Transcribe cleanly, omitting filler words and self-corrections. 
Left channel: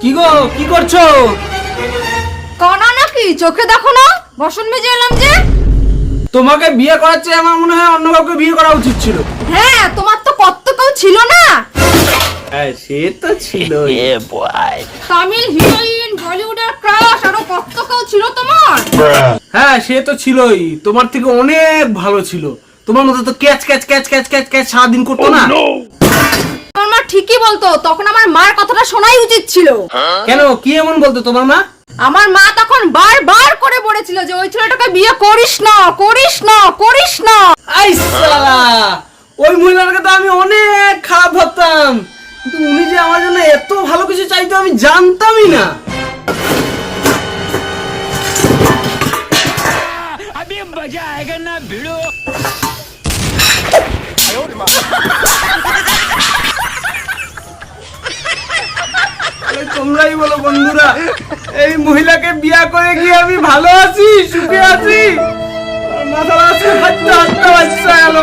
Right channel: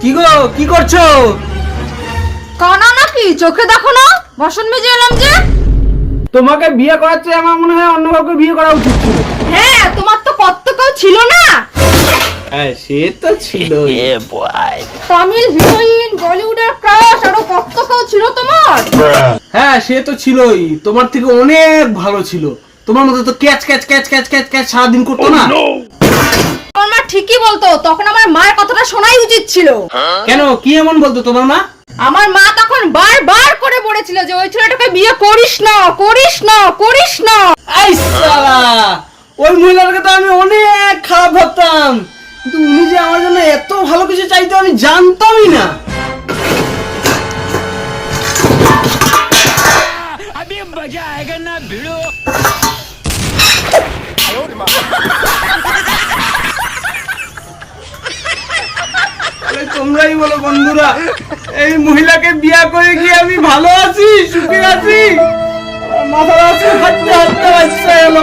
কি গো, কি করছো? কানা নাকি, চোখে দেখো না? বাসন মেজে এলাম যে। তোমাকে বিয়ে করাচ্ছে, আমার মনে হয় অন্য কাউকে বিয়ে করা উচিত ছিল। হ্যাঁ, তোমার তো কত কেউ ছিল না? হ্যাঁ, সে তো ছিল। তামিল হিরোইন, বলিউডের ক্রাশ, আরো কত কেউ ছিল তোমার। হ্যাঁ, সে তো ছিলই, তোমার থেকে অনেক ভালো ছিল। তোমার মতো তো catch catch catch catch catch catch সারাদিন করতো না। আমার মা ঠিকই বলতো, তখন আমার মায়ের কথাটা শোনাই উচিত ছিল। কেন, কি এমন বলতো তোমার মা? আমার মা তখন বারবার করে বলেছিল যে ওই ছেলেটাকে বিয়ে করিস না, করিস না, করিস না। আই সালা, ওই মহিলাটাকে তো আমি অনেক খারাপ ভাবতাম, কিন্তু উনি যে আমার জন্য এত ভালো কিছু চাইতো আমি জানতামই না। अभी मजा आएगा ना भिड़ो। তোমরাই বলো বন্ধুরা, এই মহিলাকে বিয়ে করে গিয়ে আমি ভালো আছি, সুখে আছি? মাথার আছে হাঁটতে হাঁটতে বাচ্চা গেল।